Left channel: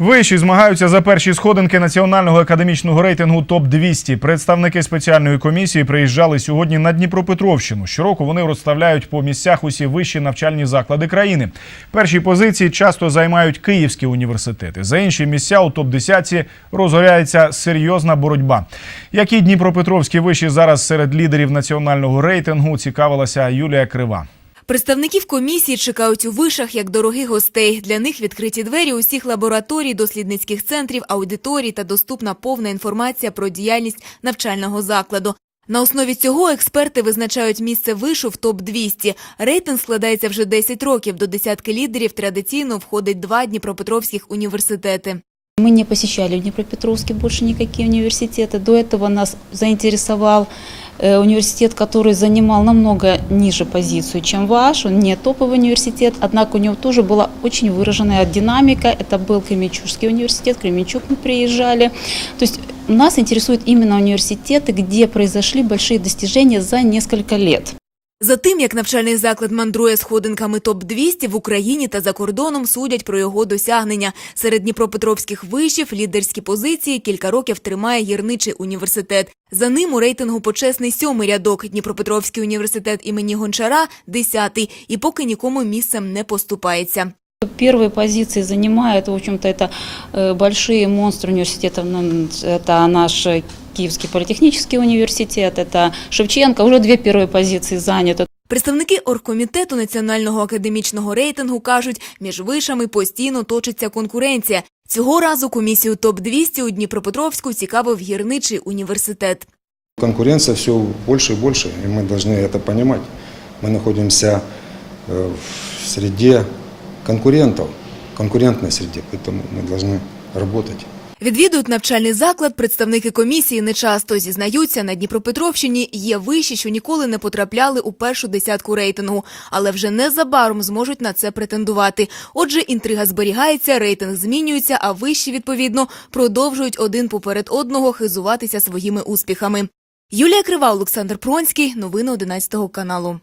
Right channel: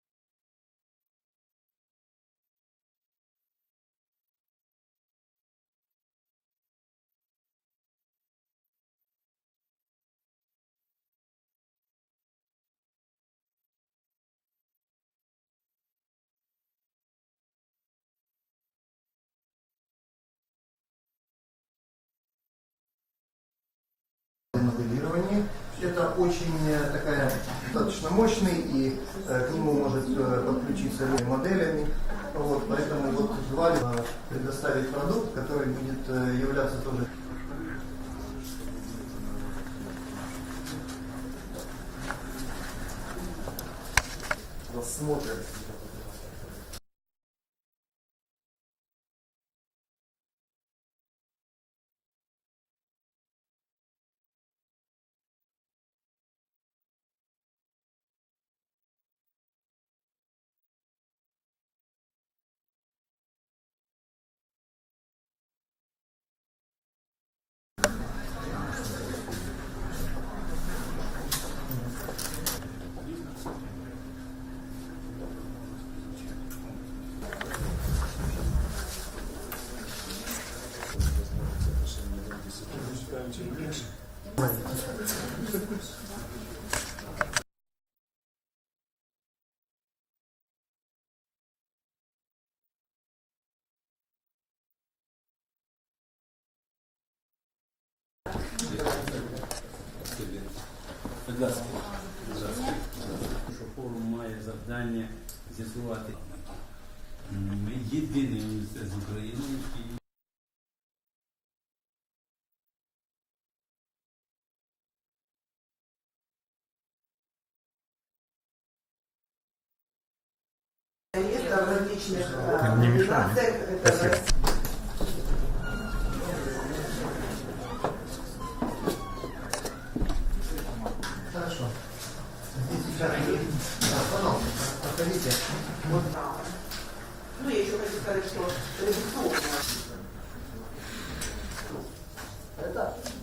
Виші змагаються за перші сходинки національного академічного рейтингу ТОП 200 Представники спеціальної комісії приїжджали сьогодні на Дніпропетровщину. Щороку вони розставляють по місцях усі вищі навчальні заклади країни. Перші позиції часто займають київські університети. За інші місця у топ 10 розгоряється серйозна боротьба. Які Дніпропетровські виші зараз серед лідерів національного рейтингу цікавилася Юлія Крива. Представників комісії чекають у вишах як дорогих гостей. Для них відкриті двері усіх лабораторій, дослідницьких центрів, аудиторій та доступна повна інформація про діяльність навчального закладу. На основі цього експерти визначають місце вишу в топ 200 Рейтинг складається вже 10 років. До десятки лідерів традиційно входить два дніпропетровських університети. Мы не посещали в Днепропетровске больше никакие университеты. До этого нас заинтересовал э, университет, который занимал намного ниже позицию, чем ваш. Он не топовый университет, однако у него тоже была очень выраженная динамика. Это был Кременчугский университет, в Кременчуг мы приезжали. То есть нас интересуют именно университеты, где произошли большие достижения за несколько лет. За тим, як навчальний заклад мандрує сходинками ТОП-200 в Україні та за кордоном судять про його досягнення. Серед дніпропетровських вишів лідерські позиції кілька років тримає гірничий університет. За ним у рейтингу почесний сьомий рядок. Дніпропетровський університет імені Гончара – десятий. І поки нікому місцем не поступається. Первые позиции занимают, в общем-то, это э, большие монстры университетов. Ну, Это наш э, Киевский политехнический университет, это Шевченко. Уже две первые позиции заняты. Представники оргкомітету національного академічного рейтингу кажуть, між вишами постійно точиться конкуренція. Цього разу комісію ТОП-200 у Дніпропетровську цікавив гірничий університет. Конкуренция все больше и больше, и мы должны это понимать. Мы находимся э, в среде конкурентов, конкурентной среде, поэтому мы должны работать. Відвідують навчальний заклад представники комісії нечасто. Зізнаються, на Дніпропетровщині є виші, що ніколи не потрапляли у першу десятку рейтингу, але вже незабаром зможуть на це претендувати. Отже, інтрига зберігається, рейтинг змінюється, а виші, відповідно, продовжують один поперед одного хизуватися своїми успіхами. Юлія Крива, Олександр Пронський. Новини 11 каналу.